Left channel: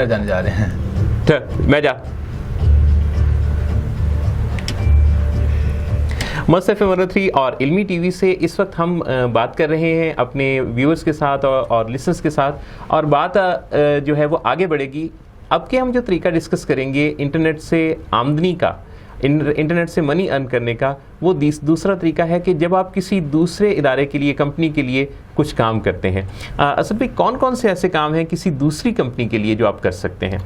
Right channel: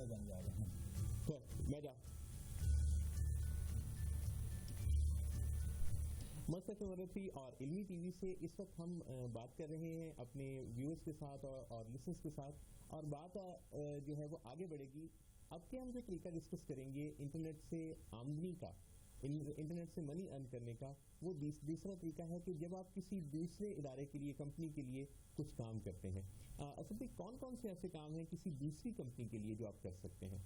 میرا جانے جا رہے ہیں. میں جا مست FM 103 اور علمی ٹی وی سے اس وقت ہم بات کر رہے ہیں اپنے ویورز کے ساتھ اور لسنرز کے ساتھ, اور بات جو ہے وہ آگے بڑھے گی. اب کے ہم جو طریقہ ڈسکس کریں گے انٹرنیٹ سے آمدنی کا, انٹرنیٹ سے منی ارن کرنے کا, وہ دوسرا طریقہ ہے کہ جب آپ کسی دوسرے ادارے کے لیے, کمپنی کے لیے کچھ کام کرتے ہیں. اصل میں کون کون سے ایسے کام ہیں کسی دوسری کمپنی کے لیے جو آپ کر سکتے ہیں؟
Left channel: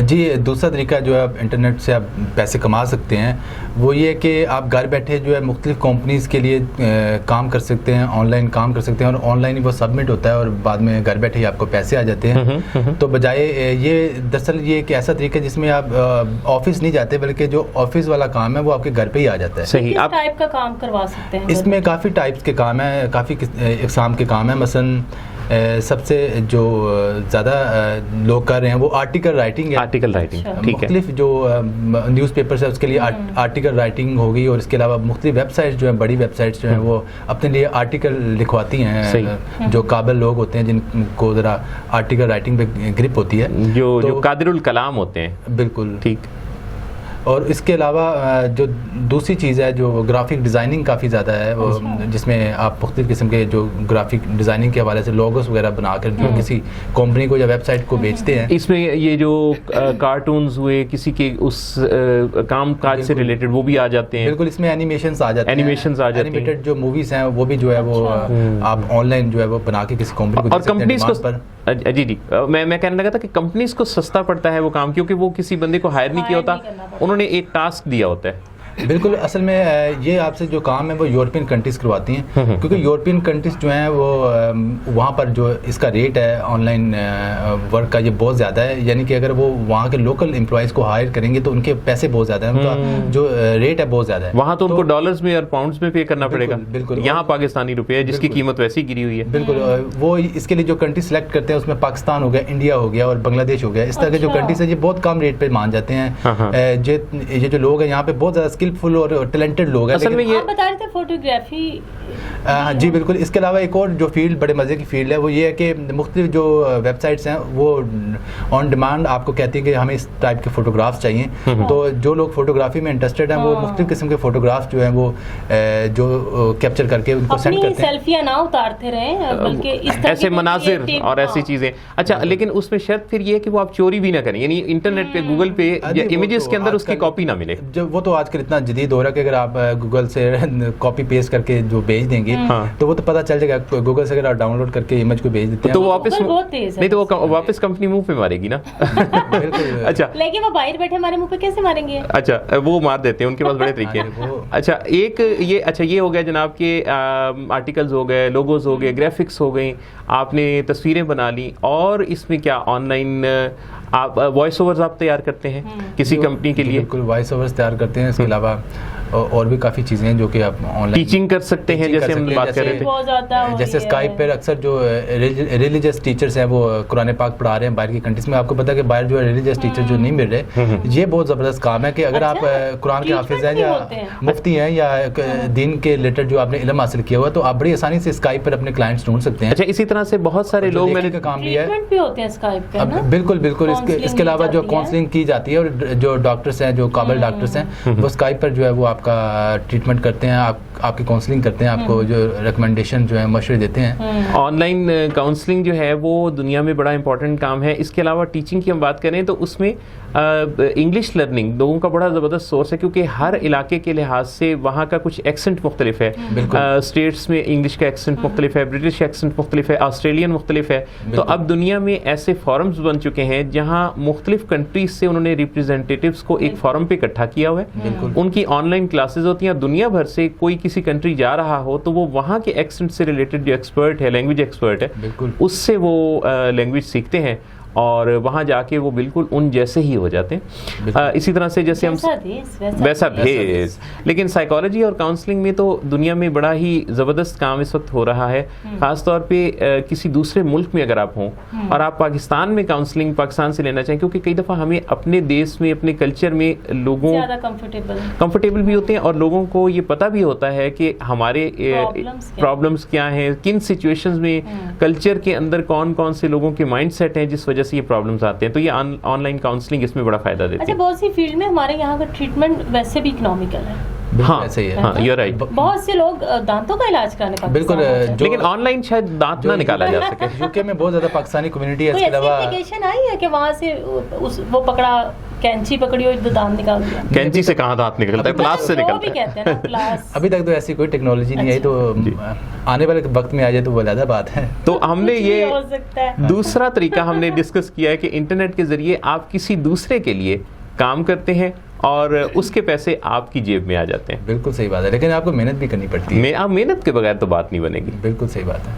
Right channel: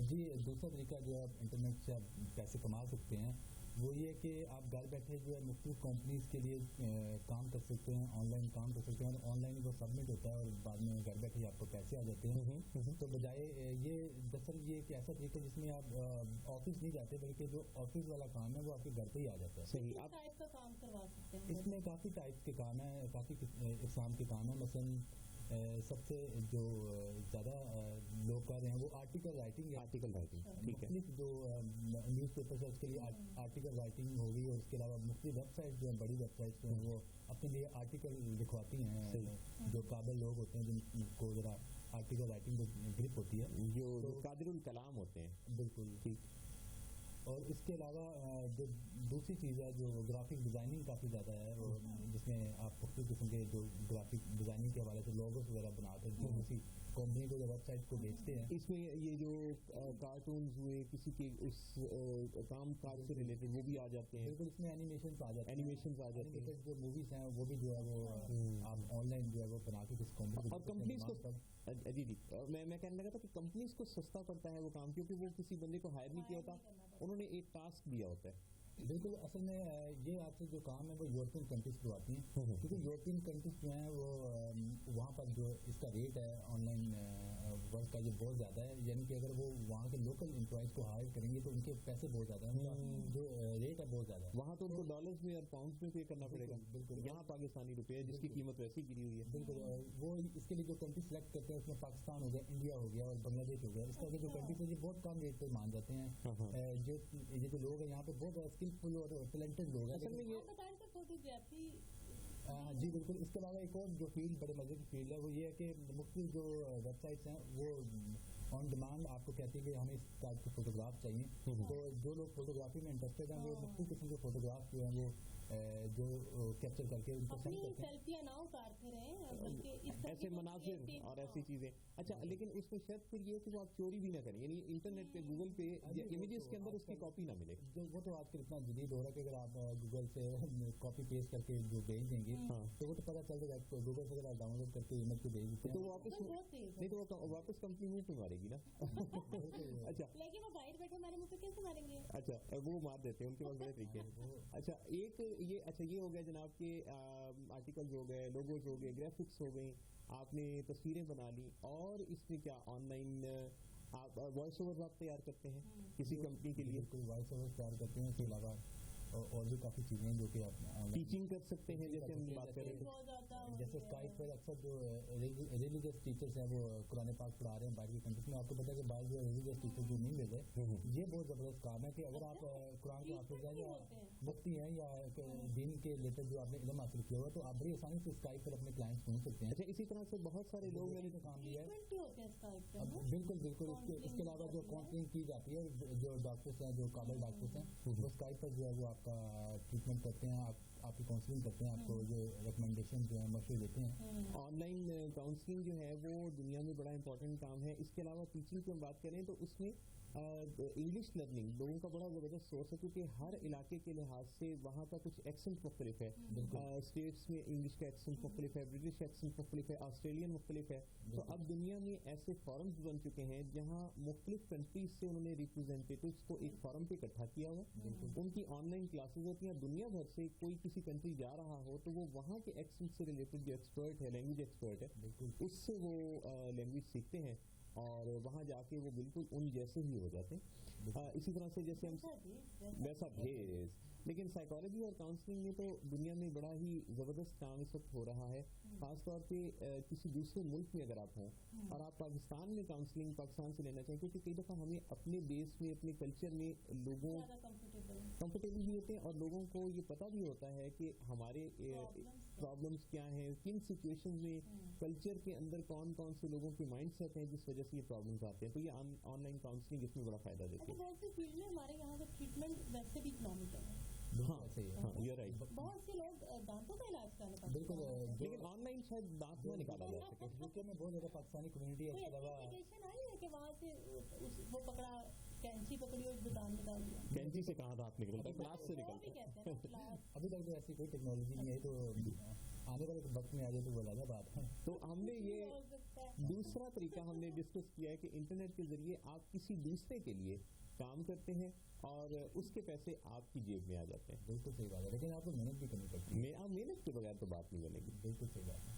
جی, دوسرا طریقہ جو ہے آپ انٹرنیٹ سے آپ پیسے کما سکتے ہیں وہ یہ کہ آپ گھر بیٹھے جو ہے مختلف کمپنیز کے لیے کام کر سکتے ہیں, آن لائن کام کر سکتے ہیں, اور آن لائن ہی وہ سبمٹ ہوتا ہے اور بعد میں گھر بیٹھے ہی آپ کو پیسے آ جاتے ہیں. تو بجائے یہ دراصل یہ ایک ایسا طریقہ جس میں آپ آفس نہیں جاتے بلکہ جو آفس والا کام ہے وہ آپ کے گھر پہ ہی آ جاتا ہے. صحیح. کس ٹائپ کا کام کروا سکتے ہیں اس میں کافی ٹائپس کے کام ہیں, کافی اقسام کے کام ہیں. مثلاً سب سے جو زیادہ لوگ کر رہے ہیں وہ آرٹیکل رائٹنگ ہے. آرٹیکل رائٹنگ, ٹھیک ہے. مختلف جو نیوز پیپرس ہے اس کے لیے آرٹیکل رائٹنگ ہوگی, اور اس کے علاوہ مختلف ویب سائٹس جو ہیں, بڑی ویب سائٹس جو ہیں وہ اپنے لیے آرٹیکل لکھواتی ہیں. جو قابل لوگ ہوتے ہیں جن کو ذرا آرٹیکل رائٹنگ پہ گرپ ہوتی ہے, جو قادر الکلام ہوتے ہیں. بالکل ٹھیک. اور اس کے علاوہ جو دوسری چیز ہے جو گرافک ڈیزائننگ کافی زیادہ ہے, وہ جس میں آپ مختلف قسم کے جو گرافک ڈیزائننگ کے حوالے سے لوگوز وغیرہ بنا کر جو کسی کمپنی کو یا ویب سائٹ کو بیچتے ہیں. اس میں یہ جو کارٹونز ہوئے کسی کے اس کام کاج سے ریلیٹڈ وہ بھی آ جاتے ہیں. بالکل, اس میں اینیمیشنز آ جاتے ہیں. اینیمیٹڈ جو موویز ہیں وہ بھی جو ہے وہ آپ آن لائن جو ہے وہ بنا کے کسی کمپنی کو, اور کمپنیز کو جی میں کہنے لگا تھا کہ کمپنیز کو سستا پڑتا ہے وہ کام, کیونکہ وہ کسی بندے کو ہائر نہیں کیا ہوتا, انہوں نے ایک ٹاسک دیا ہوتا ہے. بالکل, اصل میں یہ آپ سے جو کام ہے وہ یورپین کنٹریز کرواتی ہیں, کیونکہ یورپین کنٹریز جو ہیں وہ وہاں پر جو اس کا ریٹ ہے آن لائن ورک کا یہ بہت زیادہ ہے. یعنی کہ اگر وہ وہاں کے لوکل امپلائیز کو ہائر کریں گے تو ان کے پیسے بہت زیادہ ہیں, ان کا جو ریٹ ہے بہت زیادہ ہے. وہاں تو ان کو ڈالرز میں اور پاؤنڈز میں پے کرنا پڑے گا. بالکل, یہاں پاکستانی روپے ہے جس کی قیمت ویسی گری ہوئی ہے. بالکل, وہ اس کے لیے جو کنٹری سلیکٹ کرتے ہیں اس میں پاکستان ہو گیا, انڈیا ہو گیا اور بنگلہ دیش ہو گیا. اس طرح کے جو کنٹریز ہیں یہ بہت کم ریٹ پہ مان جاتے ہیں. یہ جو لوگ ہیں یہاں پہ بہت زیادہ اسکلفل اور ٹیلنٹڈ لوگ ہیں. اصل میں یہ آپ بتا رہے تھے فوٹوگرافی. جی بالکل, اس کے علاوہ ایک اور جو فیلڈ بڑے مزے کی فیلڈ ہے وہ یہ ہے کہ مختلف جو ویب سائٹس ہیں وہ آن ڈیمانڈ آپ کو کہتی ہیں کہ ہمیں اس ٹائپ کے فوٹوگرافس چاہیے. تو جو لوگ فوٹوگرافی میں انٹرسٹڈ ہیں وہ مختلف قسم کے فوٹوگرافس جو ہیں وہ جو کیپچر کر کے ان کو سینڈ کرتے ہیں. سیلفیاں نہ اتارتے رہیں بلکہ اس طرح ایسے مناظر اور ایسی چیزیں. اچھا, لیکن اس میں شرط پھر یہ ہے کہ وہ آپ چوری بھی نہ کریں, یعنی انٹرنیٹ پہ گوگل پہ یا امیجز کے اندر اس کی کاپی نہ ملے. وہ تو آج کل اتنا جدید ہو رہا ہے کہ اگر آپ گوگل سے کاپی پیسٹ کر کے جو بھیج دیں گے تو وہ تو پتہ چل جائے گا. گوگل سے اگر آپ ڈاؤن لوڈ کر کے امیج کو بھیج دیتے ہیں تو وہ واپس نہیں, تو وہ واپس کمپنی منہ پہ مارے گی نا. اچھا, لیکن وہ باہر بیٹھے ہمارے منہ پہ کیسے ماریں گے؟ اچھا, وہ مار دیتے ہیں, ان کے پاس بڑے طریقے ہیں. اچھا, ایک یہ ہو گیا جناب کے آرٹیکلز ہو گئے, لوگوز ہو گئے, گرافکس ہو گئی, آپ نے تصویریں بنا لی, اور اس میں کیا آن لائن آپ وائس اوورز آپ تیار کرتے ہیں کسی کمپنی کے لیے؟ بالکل, وائس اوورز تیار کرتے ہیں. اس کے علاوہ اور بھی کافی چیزیں ہیں جو کہ آپ آن لائن ٹیچنگ کر سکتے ہیں, جیسے ہم بات کر رہے تھے. جیسے اسکائپ پر اکثر جو ریلیجیس ٹیچرز ہیں وہ قرآن پاک پڑھا رہے ہیں باہر کی کنٹریز میں. آپ کو پتا ہے کہ باہر جو ہے ریلیجیس ٹیچر جو نہیں مل رہے, یہ بہت زبردست کام ہے کہ اگر آپ قرآن کے حافظ ہیں یا مفتی ہیں یا دین کے ریلیٹڈ جو آپ نے علم حاصل کیا ہوا تو آپ بڑی آسانی سے اسکائپ پر اپنے کلائنٹس ڈھونڈ سکتے ہیں. اچھا, اسی طرح سے بہت سارے لوگ میں نے کام بھی ہے. بالکل بالکل, اس کے علاوہ جو کاؤنسلنگ کی جاتی ہے اور جو ڈاکٹرس ہیں, جو قابل ڈاکٹرس ہیں, وہ اسکائپ پر جو ہے وہ آپ کا ٹریٹمنٹ کرتے ہیں, آپ کی کاؤنسلنگ کرتے ہیں, آپ کو جو ریکمنڈیشن جو ہے مشورے دیتے ہیں. آن لائن کاؤنسلنگ جو ہے وہ دنیا میں بڑا امپورٹنٹ کام ہے. اس کے علاوہ ٹیچنگ کی ہم بات کریں تو اس میں انگلش لرننگ لوگوں کا بڑا زبردست سورس ہے, کیونکہ ہر علاقے کے لحاظ سے وہاں کا کچھ ایکسنٹ مختلف ہے. اسٹیٹس میں انگلش کا ایکسنٹ مختلف ہے, برٹش ایکسنٹ مختلف ہے, آسٹریلین مختلف ہے. تو اب دنیا میں ایسے فورمز بن چکے ہیں جہاں مختلف کنٹریز سے انہوں نے ریپرزینٹیٹیوز کو ایک فورم پہ اکٹھا کیا ہوا ہے. ان کی آن لائن کلاسز ہوتی ہیں. دنیا بھر سے کوئی کسی کنٹری جا رہا ہو تو وہ وہاں کے ایکسنٹ سے ریلیٹڈ جو ایکسپرٹ ہے, لینگویج ایکسپرٹ ہے, اس سے وہ لینگویج سیکھتے ہیں اور وہاں جا کے وہ بالکل ان جیسے ہی ہو جاتے ہیں. اسی طرح سے جیسے ہم ویسا بھیس. لیکن سائیکالوجی اور کاؤنسلنگ میں تو دنیا میں بڑا ہی زبردست کام اس وقت ہو رہا ہے, خاص طور پہ کسی دوسرے ملک میں اگر آپ ہوں اور آپ پاکستان میں کاؤنسلنگ پاکستان سے لینا چاہیں, کیونکہ کئی دفعہ ہمیں اپنے دیش میں اپنے کلچر میں لوگوں کمفرٹیبل بھی ہوتے ہیں اور لوگوں کو یہ پتہ بھی ہوتا ہے کہ ہمارے پرابلمس کیا ہیں, کن سچویشنز میں کلچر کے اندر کون کون سے لوگوں کے مائنڈ سیٹ ہیں جس وجہ سے یہ پرابلمس آتے ہیں. تو یہ آن لائن کاؤنسلنگ اس میں بڑا فائدہ دیتی اچھا ہے. بہت سی فیلڈ میں ہمارے یہاں کا ٹریٹمنٹ ویسے بھی اکنامیکل ہے. ہاں ایسے ہی ہے. ہاں یو رائٹ. بہت سے لوگ دانتوں کا علاج کرانے پاکستان بالکل آتے ہیں. لیکن آن لائن شاید دانت نہ نکالا جا سکے. یوکے میں بہت زیادہ پاکستانی کمیونٹی ہے. اس کوئی کے ایسی علاوہ اپلیکیشن آئی ہے کہ وہاں سے وہ پکڑا کینچی پکڑی اور دانت نکال دیا؟ کینچی سے کہاں دانت نکلتا ہے؟ پلاس سے وہ نکلتا بھی ہے. کہتے ہیں نا پلاس. ابھی تک تو ایسی کوئی ٹیکنالوجی نہیں آئی, تو آنے والے وقت میں آ جائے تو وہ علیحدہ بات ہے. تو ہم نے کچھ بھی یہ ہو سکتا ہے. دوسرا طریقہ ہم نے ڈسکس کیا ہے کہ انٹرنیٹ کے ذریعے آپ کسی دوسرے کے لیے کام کرتے ہیں اور اس کے پیسے آپ کی جیب میں آ جاتے ہیں. بالکل صحیح بات ہے, لیکن آپ کو محنت بھی کرنی پڑتی ہے. آپ محنت کے بغیر تو بات نہیں بنے گی. بالکل صحیح بات ہے.